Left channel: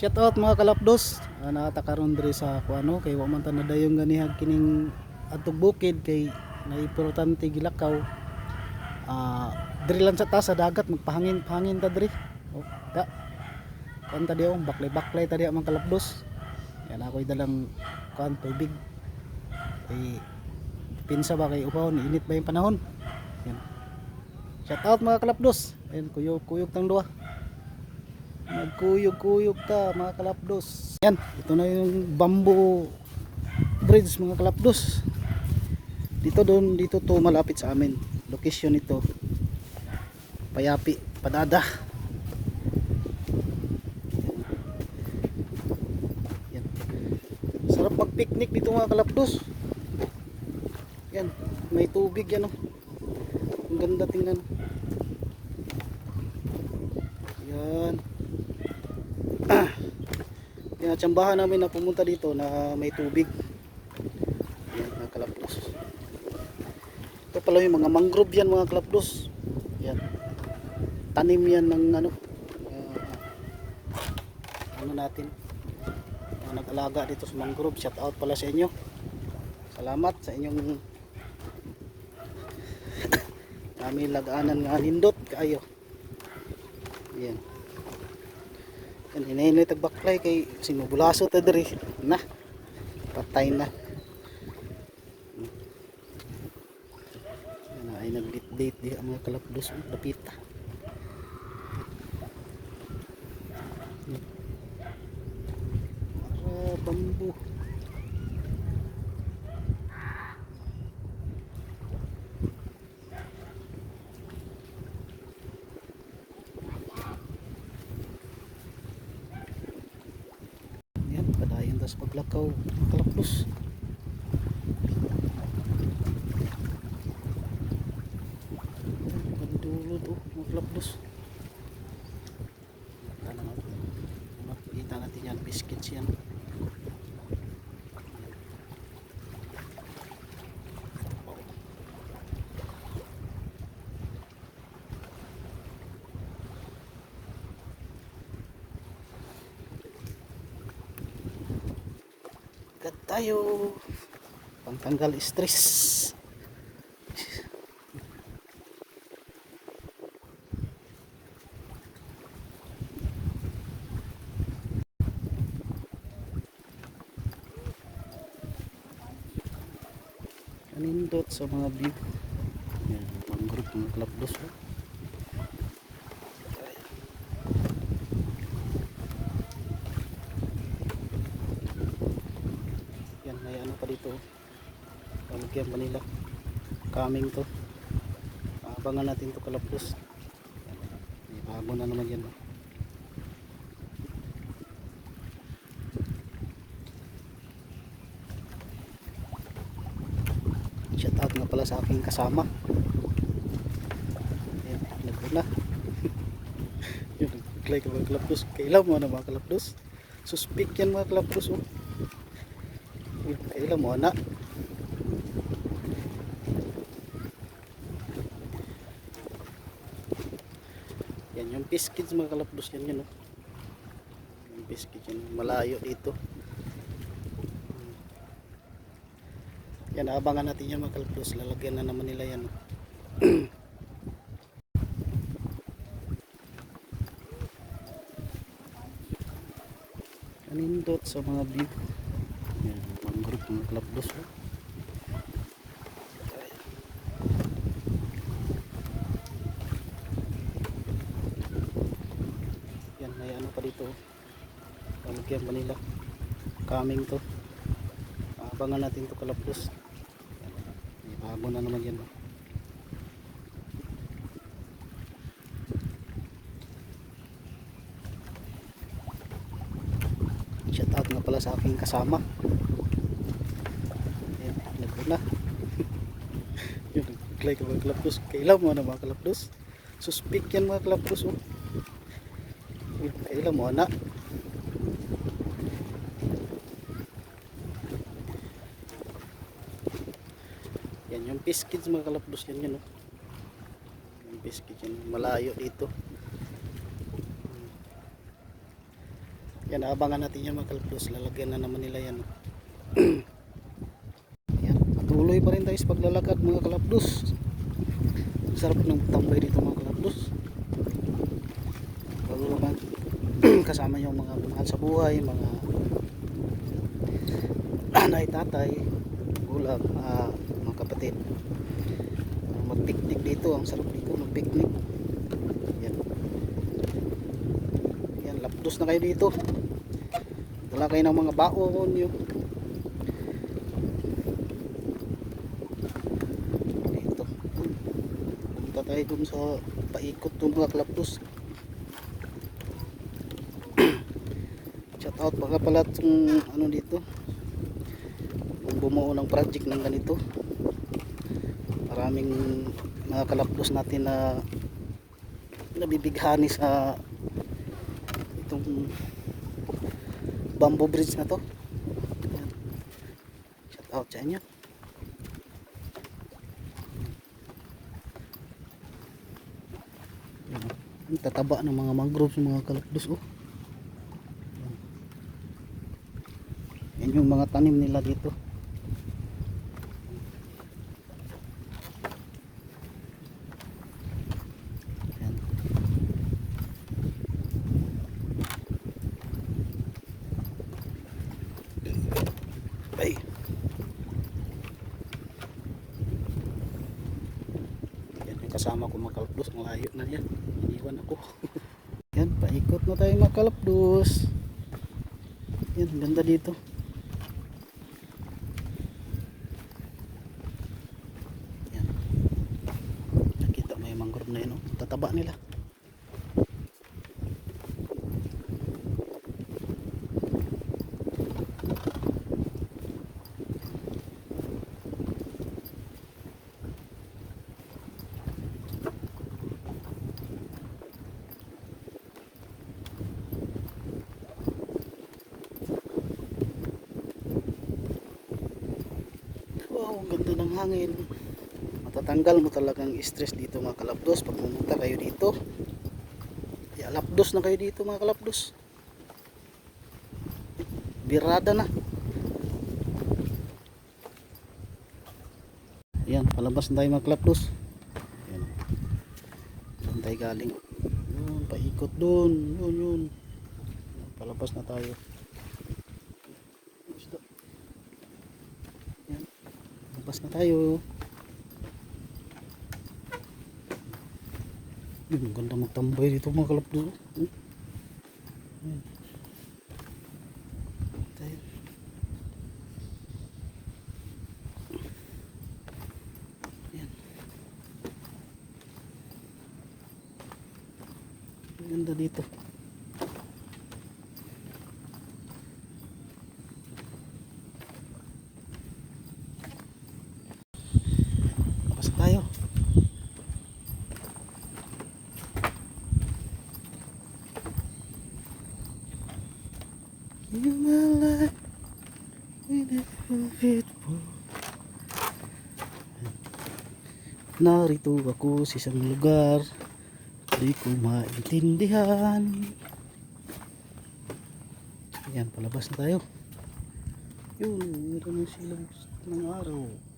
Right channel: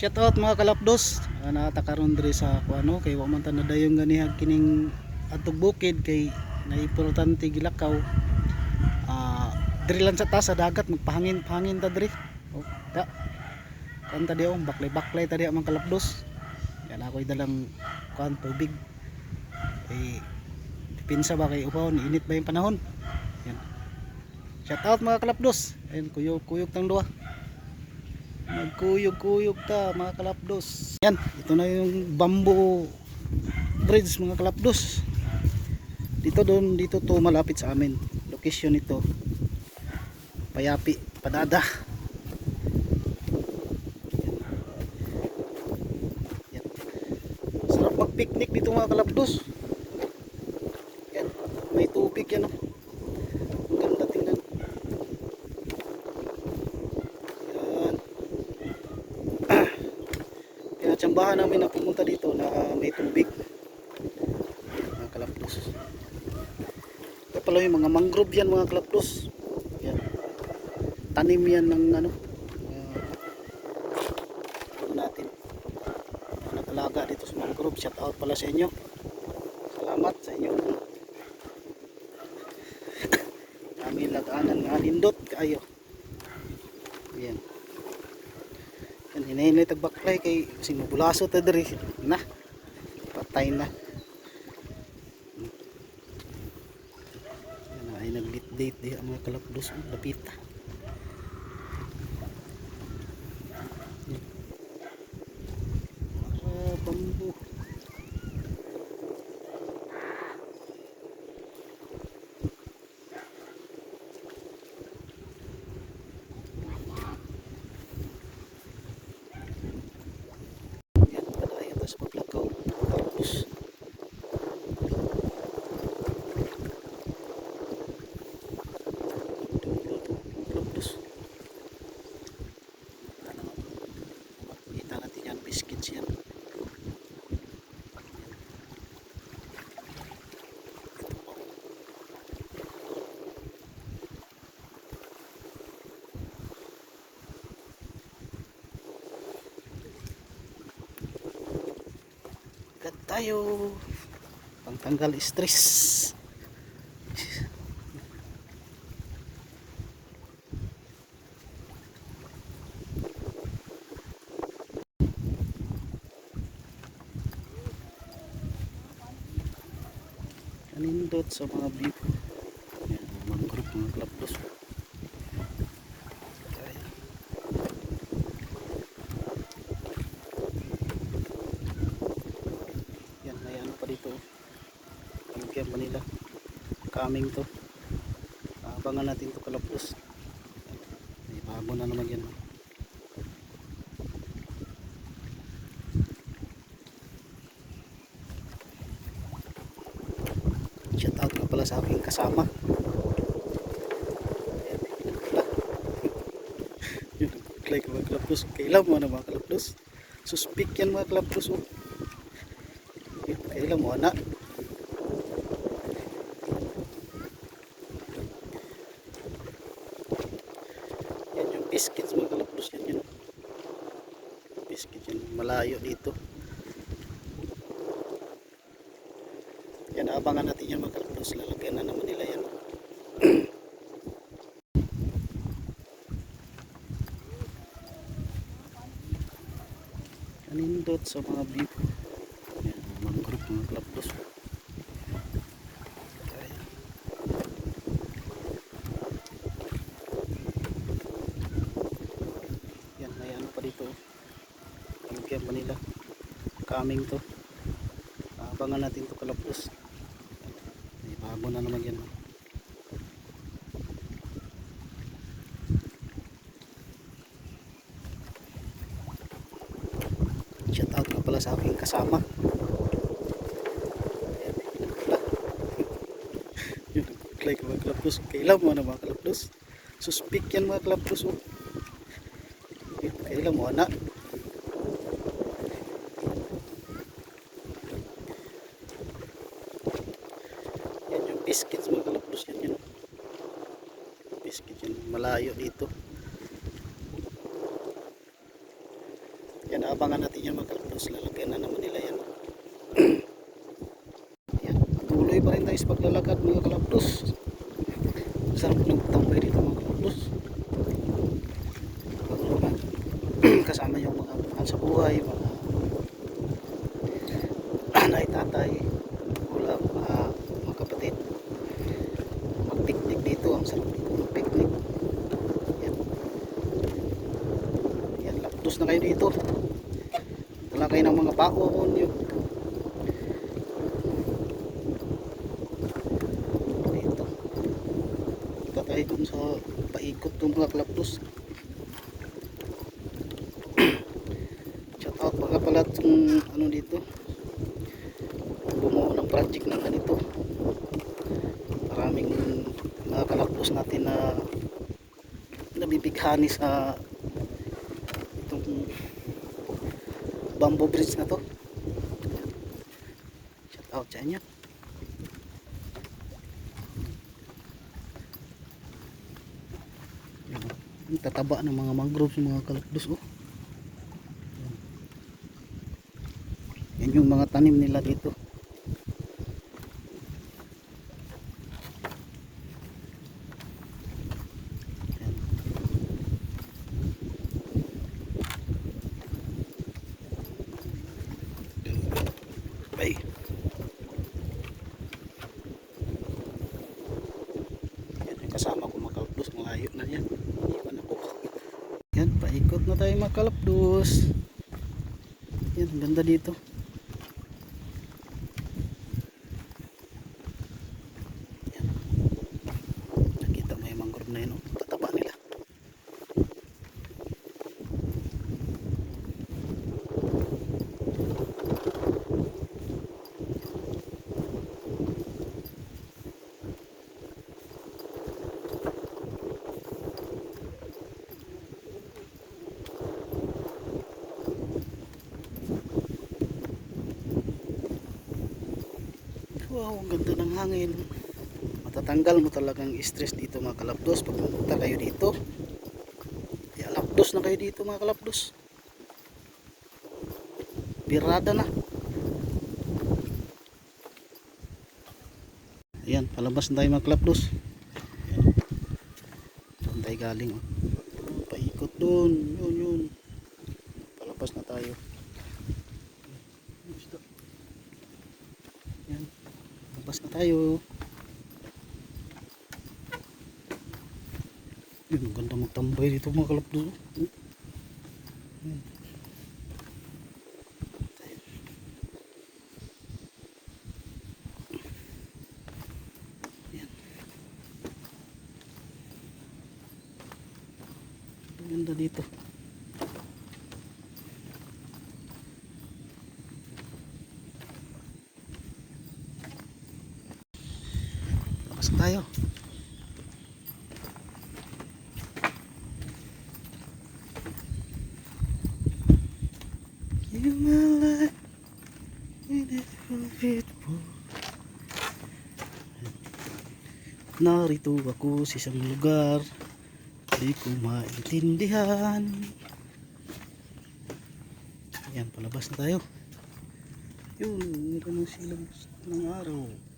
Shout out mga kalapdos. Uh, nakatakaroon diri sa ako ano kay wa man ta nadayong ganihag kining atog bukid kay naimportante gilakaw. Ah, diri lang sa taas sa dagat magpahangin pahangin ta diri. Oh, da. Kuan ta diong baklay baklay ta diya mga kalapdos. Yan ako'y dalang kuan tubig. Kay pinsa ba kay upaw init ba yung panahon. Yan. Shout out mga kalapdos. Ayun kuyog kuyog tang duwa magkuyog-kuyog ta mga kalapdos. Yan ito na yung bamboo bridge mga kalapdos. Dito doon dito to malapit sa amin. Location ito payapi padada. Yan. sarap mag picnic dito mga kalapdos. Yan may tubig yan oh. ang ganda tingnan yan kaya tsambahan namin na pumunta dito na may tubig. Yan, mga kalapdos. Ito pala yung mga mangrove yan mga kalapdos. Yan. Tanim yan ng ano. Uh, ano natin. Nag-alaga dito sa mangrove. Shout out pala sa inyo. Salamat sa inyong kami lagaanan nga lindot kayo. Yan. Kan hinay tagbaklay kay sinubulaso ta diri. Na. Patay na. Yan ay naglit-date di ang mga kalapdos lapita. Ah, bambu. Yan, tas paglakaw. Kalapdos. Dulo to. Yan naman. Makikita natin yan, biscuits. Yan. Agad tayo. Pangtanggal stress. Kanindot sa mga view. Yan, mangrove mga klapdos may ano pa dito. Pamigyan pa nila. Coming to. Abangan natin to kalapdos. May bago na naman yan. oh. Shout out na pala sa aking kasama. Ayan, nagpula. Yun, nagpaklay ka mga kalapdos. Kailan mo na mga kalapdos? Suspik yan mga kalapdos. Oh. Kailan mo na? Yan yung biscuits mga kalapdos yan yun. Yung biscuit yan. Malayo dito. Yan, abangan natin yan mga kalapdos. Lalagyan na naman nila yan. Kanindot sa mga view. Mga kalapdos. Yan, may ano pa dito. Pamagyan pa nila. Coming to. Abangan natin to kalapdos. May bago na naman yan. oh. Shout out na pala sa aking kasama. Ayan, nagpula. Nagpaklay ka mga kalapdos. Kailan mo na mga kalapdos? Suspik yan mga kalapdos. Oh. Kailan mo na? Yan yung biscuits mga kalapdos yan yun. Yung biscuit yan. Malayo dito. Yan, abangan natin yan mga kalapdos. Lalagyan na naman nila yan. Patuloy pa rin tayo sa paglalakad mga kalapdos. Sarap ng tambay dito mga kalapdos. Lalo na kasama yung mga mahal sa buhay, mga anay, tatay, wala, ah, mga kapatid. Mag-picnic dito, ang sarap dito mag-picnic. Yan. Yan, lapdos na kayo dito. Dala kayo ng mga baon yun. Dun sa paikot dun mga klapdos. Shout out baka pala itong ano dito. Ang bumuo ng project ng ganito. Maraming mga kalapdos natin na nabibighani sa itong bamboo bridge na to shout out sa inyo Yan. Ang tataba ng mga mangroves ng mga kalapdos oh. Yan. yan yung mga tanim nila dito Yan. Ay. Yan, kasama ko makalapdos. Ang layo na yan. Yan, paikot na tayo makalapdos. Yan, ang ganda dito. Yan. Nakita mo yung mangrove na yun. Oh. Tataba nila. Wow, ang ganda ng hangin. Matatanggal mo talagang stress dito mga kalapdos pag pumunta kayo dito. Kaya lapdos na kayo dito mga kalapdos. Birada na. Ayan, palabas na tayo mga kalapdos. Ayan. Doon tayo galing. oh. Paikot doon. Yun, yun. Palabas na tayo. Isda. Labas na tayo. Yun, ang ganda magtambay dito mga kalapdo. Hmm? Ganda dito. Labas na tayo. You my life in mo. Narito ako sa isang lugar Di ko maintindihan. Ayan, palabas na tayo. Yun, meron ng silang ng araw